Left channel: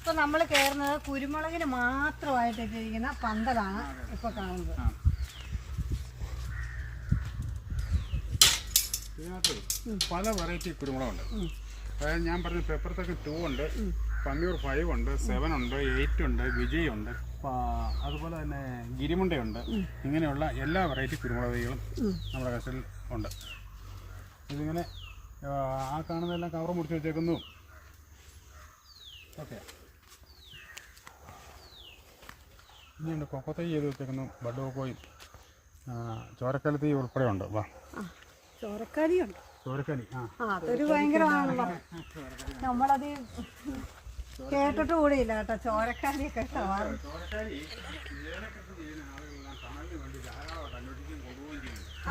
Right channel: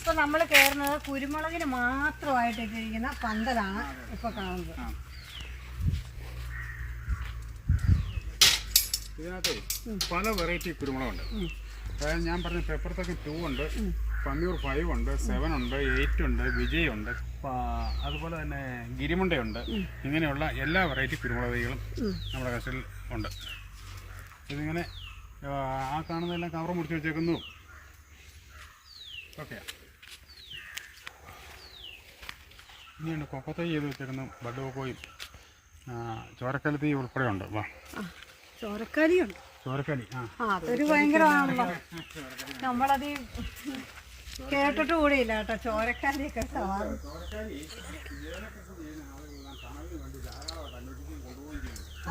ഇപ്പൊ നമ്മൾ കയറുന്നത് കുരുമുളകിന് മാത്രമായിട്ട് ഇട്ടിരിക്കുന്ന പന്തലാണ് ഇപ്പൊ കാണുന്നത്. ഇതിനകത്ത് പല വെറൈറ്റി കുരുമുളകുണ്ട്. അതായത് ഞാൻ പറഞ്ഞ പെപ്പർത്തക്ക് 2 ഉണ്ട്, പന്നൂർ 5 ഉണ്ട്, 7 ഉണ്ട്, 8 ഉണ്ട്, വിജയ് ഉണ്ട്, അതുപോലെ തന്നെ ഗിരിമുണ്ടയുണ്ട്. ഇങ്ങനെയുള്ള എല്ലാ വെറൈറ്റി കുരുമുളക് തൈകളും നമ്മുടെ കസ്റ്റഡിയിൽ ഉണ്ട്. ഇതിങ്ങനെ ആ കാണുന്നതെല്ലാം കവർ മുടിച്ച് വെച്ചേക്കുന്നു. ഓക്കെ, ഇനിയുണ്ട് കൊക്കോ തൈ ചെയ്ത് വെച്ചേക്കുന്നു. ബഡ് കൊക്കോയും ചോരക്കാലി തൈ ഉൾപ്പെടെ ഉണ്ട്. വാ, ചോരക്കാലിയുണ്ട്. ചോരക്കാലി അതൊരു ഭയങ്കരമാണല്ലോ. നമ്മളത് കേട്ടിട്ട് കൂടിയില്ല കേട്ടോ, ചോരക്കാലിയൊക്കെ.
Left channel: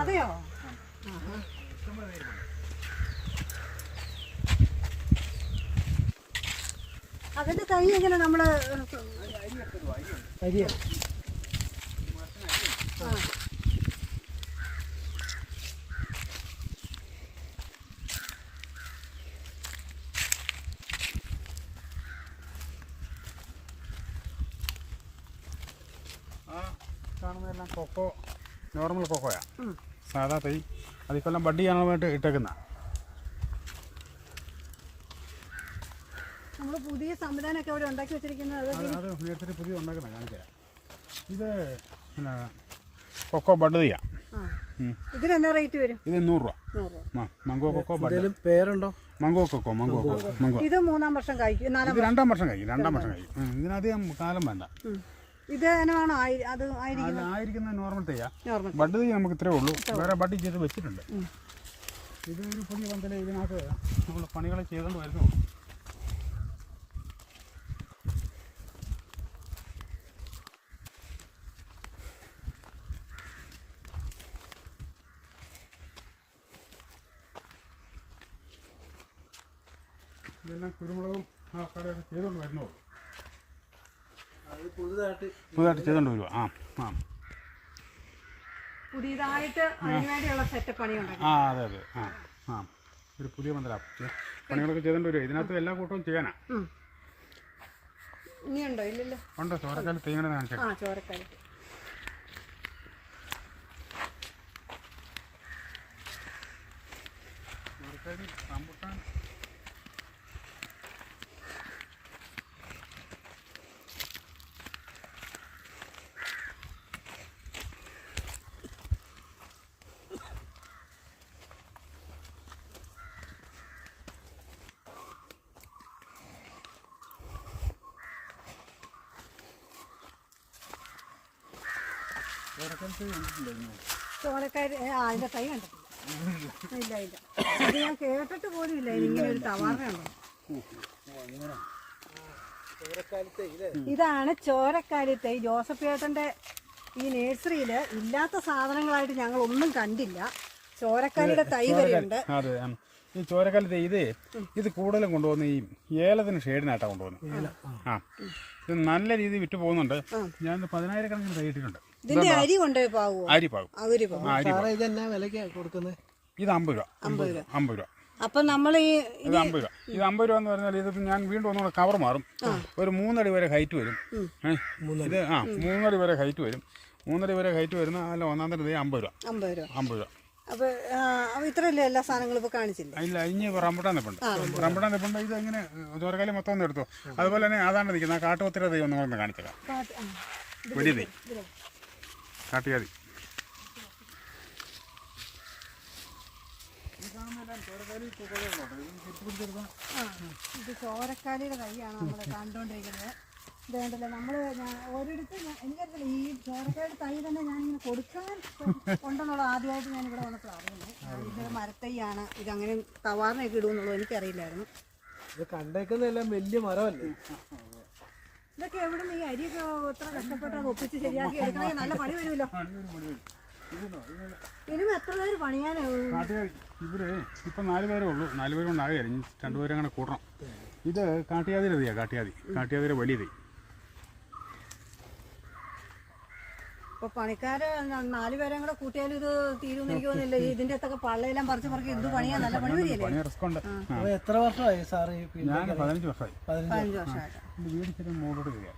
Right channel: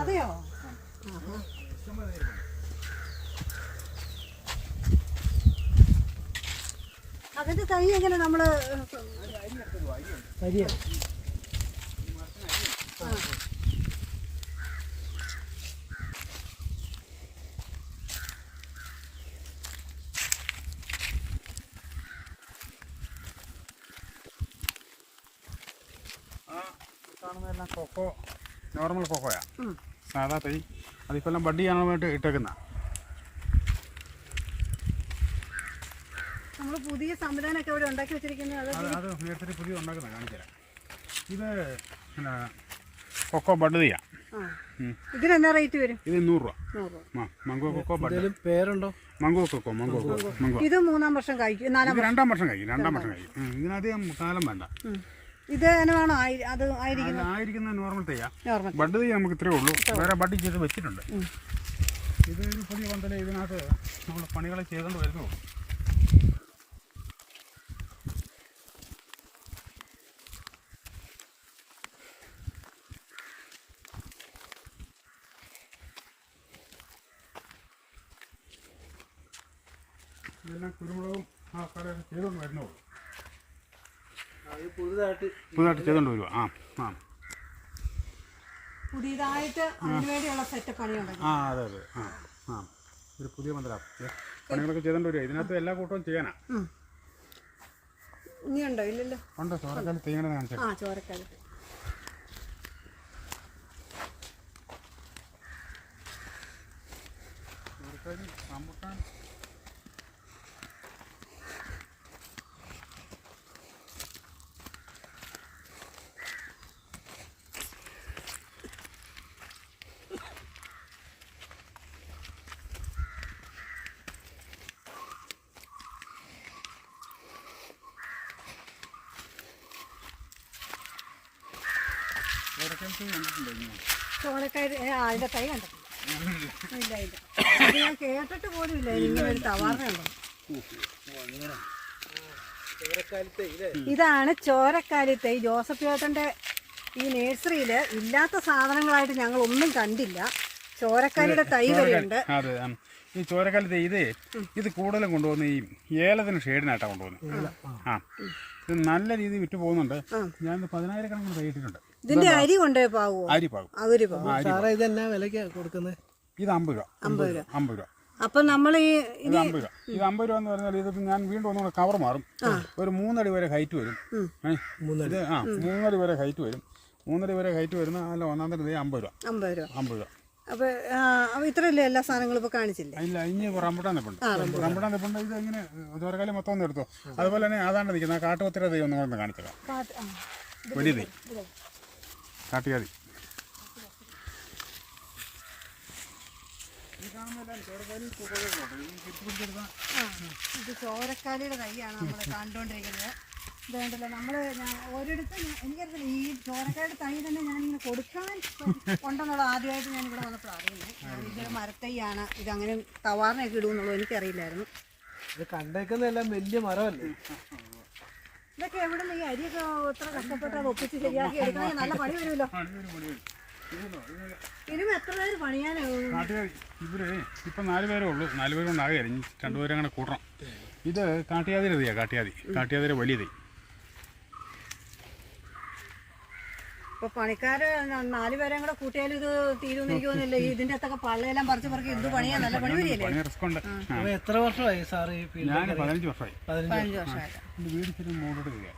അതെയോ? അതിന്റെ തൈ എങ്ങനെ നമ്മള് കാണുന്നതെല്ലാം കൊക്കോ, നോർമൽ കൊക്കോയാ, സാധാ തൈ. അതിക്കൊല്ലം ബഡ് ചെയ്യാനായിട്ട് ഇട്ടേക്കുന്ന. നമ്മൾ പുതിയ സംവിധാനമൊക്കെ അവിടെ ഉണ്ടാക്കി വെച്ചിരിക്കുന്നത്. അത് നേരത്തെ പുതിയ ഉണ്ടാക്കുന്ന കാണിച്ചു. ഇത് പിന്നെ കൊക്കോ ബഡ് ചെയ്യാം. ഇതിനെന്നാ റേറ്റ് വരും? ഇത് 100 രൂപ. Mango coco bud. പേരുണ്ടോ? Mango coco. മംഗോ ഇത് 3-ാം വർഷം കഴിക്കും. ഇത് 2-ാം വർഷം കഴിക്കും. ഇതിനധികം കാലം വേണ്ട. ഇത് എങ്ങനെയാണോ അത് ആയിരിക്കുന്ന നോർമൽ തയ്യാ. ബഡ് തൈ നമുക്ക് ഇത്രേ ഉള്ളൂ. വേറെ ബഡ് ചെയ്ത് വെച്ചിട്ടുണ്ട്. ഇതൊരു പുതിയ പന്തല്. ഇതിനകത്ത് നമ്മൾ പണികൾ ചെയ്തുകൊണ്ട് വരുന്നു. ഇതെല്ലാം കുരുമുളകും ആ കടയൊക്കെ ചെയ്തുകൊണ്ട് വരുന്നു. പുതുതായിട്ട് ചെയ്തുകൊണ്ട് വരുക. പുതിയതായിട്ട് അതിനുവേണ്ടിയുള്ള സെറ്റപ്പ് പണിയുണ്ട്. അതെ. ഒരു പുതിയ പന്തലാണ്. പണികളൊക്കെ ചെയ്തുകൊണ്ട് വരുക. ഇതിനകത്ത് എല്ലാ കൂട്ടവും ചെയ്യാനാ. ഇനിയുണ്ടോ? ഇല്ലല്ലോ. ഉണ്ടോ? ചോരക്കാലി തേങ്ങയുടെ കാണിച്ചാൽ. ചോരക്കാലി റംബുട്ടാൻ. ചോരക്കാരി അതിന്റെ തൈ കണ്ടിട്ടില്ല. ഇല്ല അത് ഞാൻ കേട്ടിട്ട് പോലും ഇല്ല. ഇങ്ങനെ തവാറുണ്ടോ? ഇതാണ് ചോരക്കാലി തൈ. ജോസഫ് ചേട്ടന്റെ ഈ നഴ്സറിയിൽ ഇല്ലാത്ത സാധനങ്ങളായിട്ട് ഞങ്ങൾ ഒന്നും കണ്ടില്ല. ചോരക്കാലിയുടെ തൈ വരെയുണ്ട്. അതെ, ഈ ചോരക്കാലി തൈ ഇത് കൂടുതലും കൊണ്ടുപോകുന്ന ഈ ഏലത്തിന് ഷെയ്ഡിനായിട്ടാണ് കൊണ്ടുപോകുന്നത്. ഇത് നല്ല രീതിയിൽ വിറ്റ് പോകുന്നുണ്ട്. ഞാൻ 10,000 തൈ ഇട്ടിട്ടുണ്ട്. ഇതിന്റെ അരി കൊണ്ടുപോയി പാവോ? അരി പാകും. ഇതെന്നാ വിലക്കാ കൊടുക്കുന്നത്? ഇത് 50 രൂപ. 50 രൂപ. അപ്പൊ നമ്മൾ ഇത് 50 രൂപ. ഇത് 50 രൂപ എന്ന് പറഞ്ഞാൽ ഇത് ഞാൻ വീണ്ടും ഒന്നുകൂടെ കവർ മാറും. ഒരു 3 അടി വരെ ഹൈറ്റ് വരും. ഇത് 3 അടി വരെ ഹൈറ്റ് വരും. 3 അടി വരെ ഹൈറ്റ് വരുന്ന അല്ല 1-ാം തരം 50 രൂപ. 50 രൂപ. അപ്പൊ ഇത്രയല്ലേ എല്ലാ സാധനങ്ങളും ഇപ്പൊ കാണിച്ചില്ല? ഇല്ല, ഇനി റംബുട്ടാൻ നിപ്പുണ്ട്. ഇത് എങ്ങനെ ചോരക്കാലി മൊത്തം ഒന്ന് എടുത്തോ. അതുപോലെ തന്നെ അതാണ് നിൽക്കുന്നത്. കാട്ടുപത്തിര തൈ ഒന്നും കൂടെ കാണിച്ചേക്കാം. വലിയ തൈ കാട്ടുകാതി. ഇത് ചോരക്കാലിയുടെ തൈയാണ് നമ്മൾ കണ്ടുകൊണ്ടിരിക്കുന്നത്. ഇത് കണ്ടല്ലോ, നമ്മൾ ഒരിടത്ത് എനിക്കറിയില്ല ഈ ചോരക്കാലിയുടെ തൈ തന്നെ ഞാനിങ്ങനെ കൊടുക്കാൻ ഉണ്ടെന്നുള്ളത് ആദ്യമായിട്ട് ഞാൻ ഇവിടെ വന്നപ്പോൾ അറിയുന്നത്. ഇതിൻ്റെ മരത്തൈയാണ്. ഇതങ്ങനെ തവാറിനൊക്കെ ഇടുമെന്നുള്ളത് എനിക്കറിയില്ലായിരുന്നു. ഇത് കണ്ടേക്കുന്നതെല്ലാം വലിയ മരമല്ലേ? ഇതൊക്കെ എവിടെ നിന്ന് ഈ അരിയൊക്കെ എത്ര കഷ്ടപ്പെട്ട് അത് ഒപ്പിച്ച് ശരിയാക്കി എടുക്കണമെങ്കിൽ നല്ല പണി വരുമല്ലോ. ഇനിയും എത്ര പേര് പണിയാനാവും? ഇവര് ഇപ്പം 4 പേരേ ഉള്ളൂ. 4 പേര് കൊണ്ടാകുക. 2 പേരെ അങ്ങനെ കൂട്ടണം. ഇത് കാട്ടുജാതിയുടെ തൈയാണ്. കാട്ടുജാതിയുടെ വലിയ തൈ. ഇപ്പൊ പണിക്കാര് 4 പേരെയും കൂടെ കൂട്ടിയാലും ഇത് തീരുമെന്ന് എനിക്ക് തോന്നുന്നില്ല. ഇതിന്റെ അകത്തൊക്കെ പള്ളയെല്ലാം പറിച്ച് പറക്കി ഇത് പണിയാൻ നല്ല പണി വരികയല്ലേ? പണി റിസ്ക് ഉണ്ട്. അപ്പൊ എത്ര വർഷമായി സാറ് ഈ ഫീൽഡിൽ ഞാൻ 15 വർഷമായി. 15 വർഷമായിട്ട്. എൻ്റെ വീട് ഇച്ചിരി മൂടോട്ട് കയറിയ.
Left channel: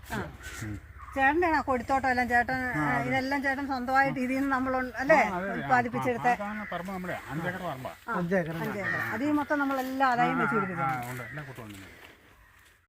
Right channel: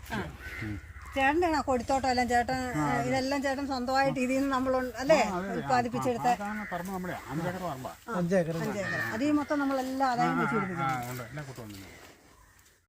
ചേട്ടൻ്റെ കൊടുത്തോട്ടം എല്ലാം ചേട്ടൻ ഇതെല്ലാം ചേട്ടൻ സ്വന്തമായിട്ട് ഇതിൽ നിന്ന് നമ്മൾ അല്ലേ ഉത്പാദിപ്പിച്ചെടുത്ത പറമ്പ് നമ്മുടെ 5 ഏക്കർ പറമ്പാ. 5 ഏക്കർ. 5 ഏക്കർ. അതിൽ മൊത്തം നമ്മളെല്ലാം ആദായം വെച്ച് പിടിപ്പിക്കും. ഉണ്ട്, എല്ലാം കൂട്ടുവന്നു.